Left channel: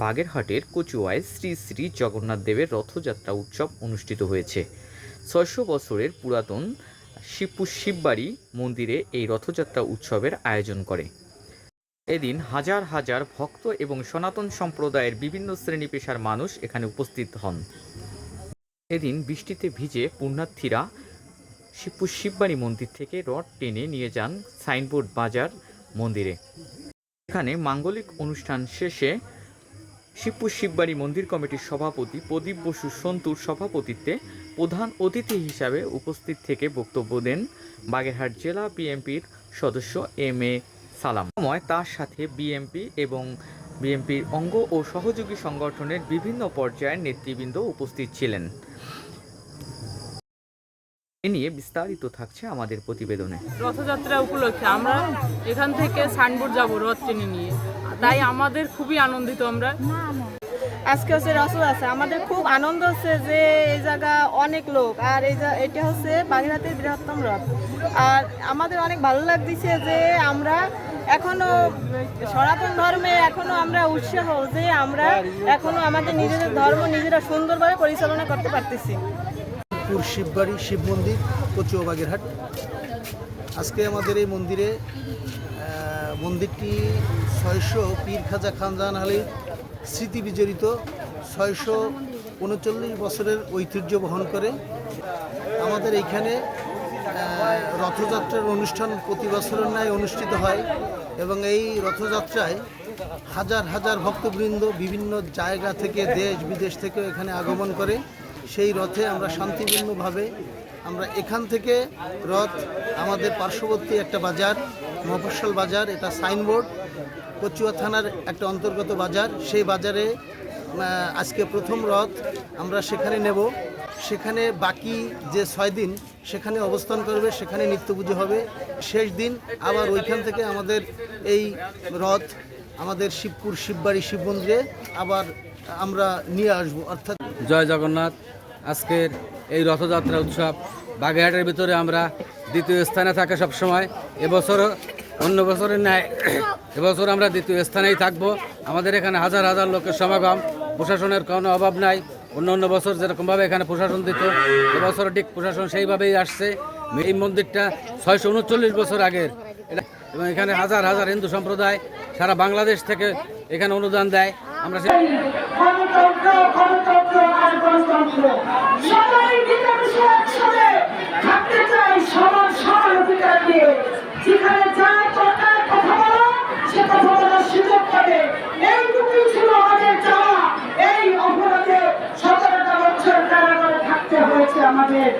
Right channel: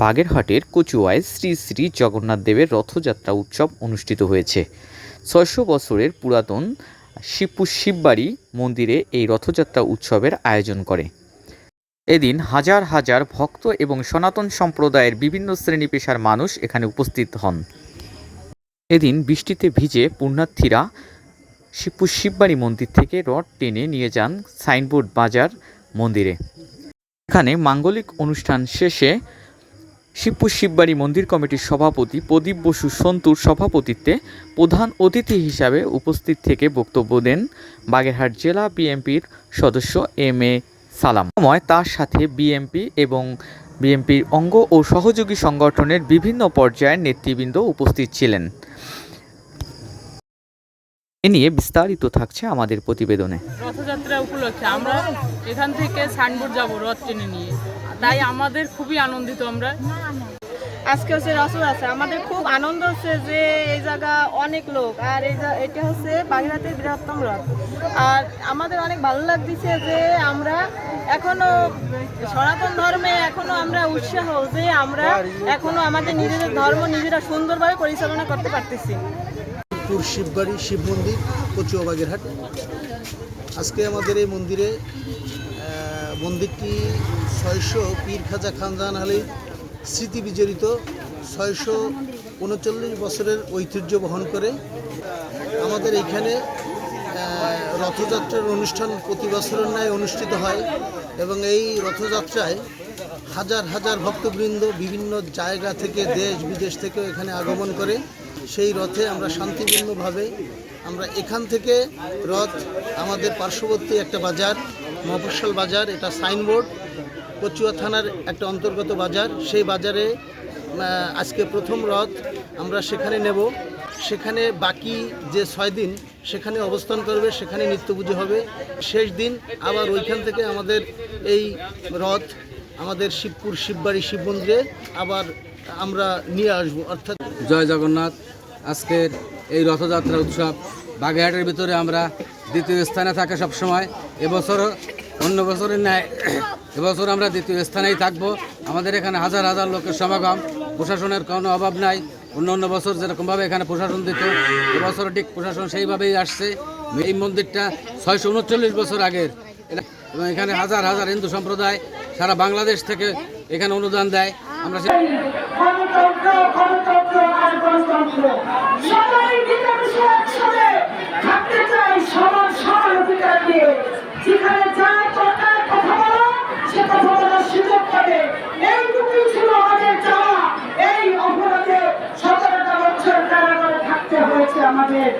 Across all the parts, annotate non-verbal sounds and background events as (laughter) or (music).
বাগেরহাটের কচুয়ায় শ্রী শ্রী জগন্নাথ দেবের রথযাত্রা উৎসব অনুষ্ঠিত হয়েছে। ছয়শো বছরের পুরাতন শিবপুর শিববাড়ি মন্দিরে এই রথযাত্রা উৎসবের আয়োজন করে। এদিন হাজার হাজার ভক্ত এবং সনাতন সম্প্রদায়ের বিভিন্ন শ্রেণি পেশার মানুষ এখানে উপস্থিত হন। এদিন বৃষ্টিতে ভিজে পুণ্যার্থীরা শিবপুর শিববাড়ি মন্দির থেকে রথ টেনে নিয়ে যান সাইনবোর্ড বাজার মন্দিরে। এখানে মাঙ্গলিক অনুষ্ঠান শেষে শিবপুর শিববাড়ি মন্দির কমিটির সভাপতি প্রদীপ বসু সন্তুর সভাপতিত্বে প্রধান অতিথি হিসাবে উপস্থিত থেকে বক্তব্য দেন বাগেরহাট জেলা বিএনপির সদস্য এম এ সালাম। সময় তার সাথে বিএনপি এবং বিএনপির অঙ্গ ও সহযোগী সংগঠনের বিভিন্ন পর্যায়ের নেতৃবৃন্দ উপস্থিত ছিলেন। এ নিয়ে বিস্তারিত থাকছে আমাদের প্রতিবেদনে। রথযাত্রা উপলক্ষে আমরা এখান থেকে সাইনবোর্ড যাব রথ টেনে নিয়ে। তাই আমাদের খুবই আনন্দিত আমরা। আজকে হচ্ছে রসুল আছে। আমাদের খুব আনন্দ হচ্ছে যে এই জায়গা অনেক লোক, আর এই এটা হচ্ছে বাগেরহাটের বৃহত্তম রথ। আর আমাদের অনেক ভালো লাগতেছে যে আমরা এখনও সনাতন ধর্মে এখনও আমরা উৎসাহ যে আমরা এখনও আমাদের নিজেদের ধর্ম নিজেরা সুন্দরভাবে পরিচালনা করতে পারতেছি। পুর শিববাড়ি শিব মন্দির, কচুয়া বাগেরহাট। আজকে আমাদের এই মন্দিরে মন্দিরটি ছয়শো পীর খাজা খানজাহান আলীর স্মৃতি বিজড়িত, ছয়শো উনচল্লিশ বছরের ঐতিহ্য বহন করে। আমাদের এইখানে রথযাত্রার অনুষ্ঠান প্রতি বছরের ন্যায় অনুষ্ঠিত হয় এবং এই রথযাত্রায় হাজার হাজার ভক্তবৃন্দ বিভিন্ন জায়গা থেকে দেশ বিদেশ থেকে এখানে আগমন করে। সেই রথে আমরা শান্তিপূর্ণভাবে আমরা এখান থেকে রথ, আমাদের পার্শ্ববর্তী একটা বাজার, মফস্বল বাজার, এটা সাইনবোর্ড, কচুয়া থানার একটা অন্তর্গত বাজার। সেই বাজারে আজকে প্রথম রথ আমরা সেখানে নেব। সেখানে বাকি যে ছয় দিন সেখানে অবস্থান করবে, সেখানে নিত্য পুজো হবে। শেষ দিন আবার ওইখান থেকে আমাদের এই রথ আমাদের শিবপুর শিববাড়ি শিব মন্দিরে আবার আমরা নিয়ে আসব। অর্থাৎ জয় জগন্নাথ। আজকের এই রথযাত্রা উৎসব বাগেরহাটের ভিতরে আমরা দ্বিতীয় স্থানে থাকা সবসময়। এবছরও, অন্য বছরের ন্যায়, (coughs) এবছর আমরা দ্বিতীয় স্থানেই থাকব। আমাদের এখানে হাজার হাজার লোকের সমাগম। প্রশাসনের কোনো অভাব নাই। অন্য অন্য বছর যেরকমভাবে এখানে প্রশাসন দিত, এবছর ঠিক প্রশাসন সেইভাবেই আসছে। এই মন্দিরটা ছয়শো উনচল্লিশ বছর আগের। এবং এখানে হাজার হাজার হিন্দু সম্প্রদায় সারা বাংলাদেশ থেকে এখানে অনুদান দেয়। আমরা হয়েছে আমাদের।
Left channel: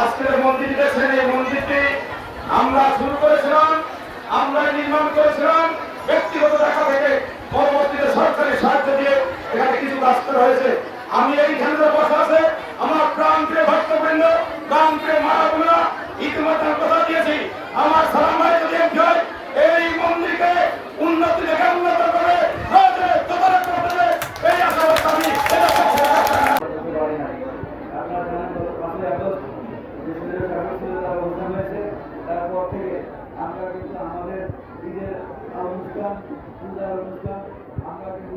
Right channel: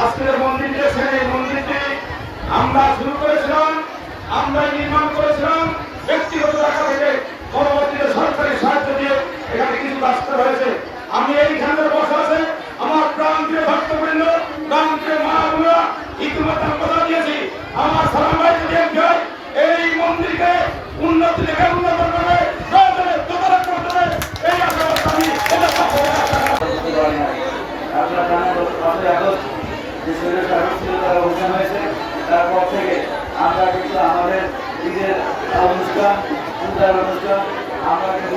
আজকের মন্দিরটা ছেড়ে মন্দিরটি আমরা শুরু করেছিলাম, আমরা নির্মাণ করেছিলাম, ব্যক্তিগত টাকা থেকে পরবর্তীতে সরকারি সাহায্য দিয়ে এখানে কিছু রাস্তা হয়েছে আমি এইখানে বসে আছে, আমার প্রান্তীয় ভক্তবৃন্দ প্রান্তীয় মা বোনেরা, ইতিমধ্যে কথা দিয়েছি। আমার সালাম ভাই যদি হয় এই মন্দিরকে উন্নতি থেকে উন্নত করবে প্রয়োজনে তদারক করতে হবে এই আশাবাদ আমি এটা সফল আপনার জানেন পাঁচই আগস্ট তারপর থেকে আমরা কিন্তু আমাদের অনুষ্ঠান আমরা কিন্তু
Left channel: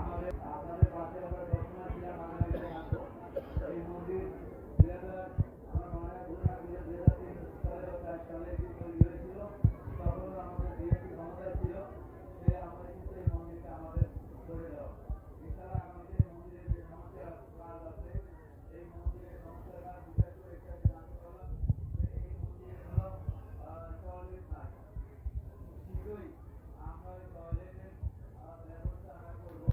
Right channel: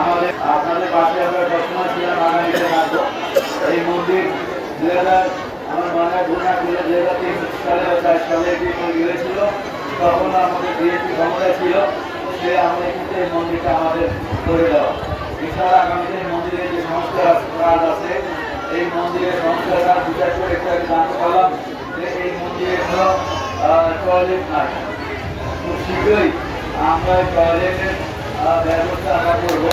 আমাদের আপনাদের পাশে আমরা সবসময় ছিলাম এই মন্দির দু হাজার আমার মনে হয় গুণা দু হাজার তখন আমাদের বিএনপি ছিল। সে আমরা এখানে মন্দিরটা আমাদের ধরে দেওয়া এছাড়া আগামীতে মন্দিরের যে সংস্কার কাজ আছে, এই মন্দিরের সংস্কার কাজ বিচার করে একটু জানতে পারলাম যে এই মন্দিরে কোনো টয়লেট নাই। খুব শীঘ্রই আমরা টয়লেটের ব্যবস্থা আমরা করব।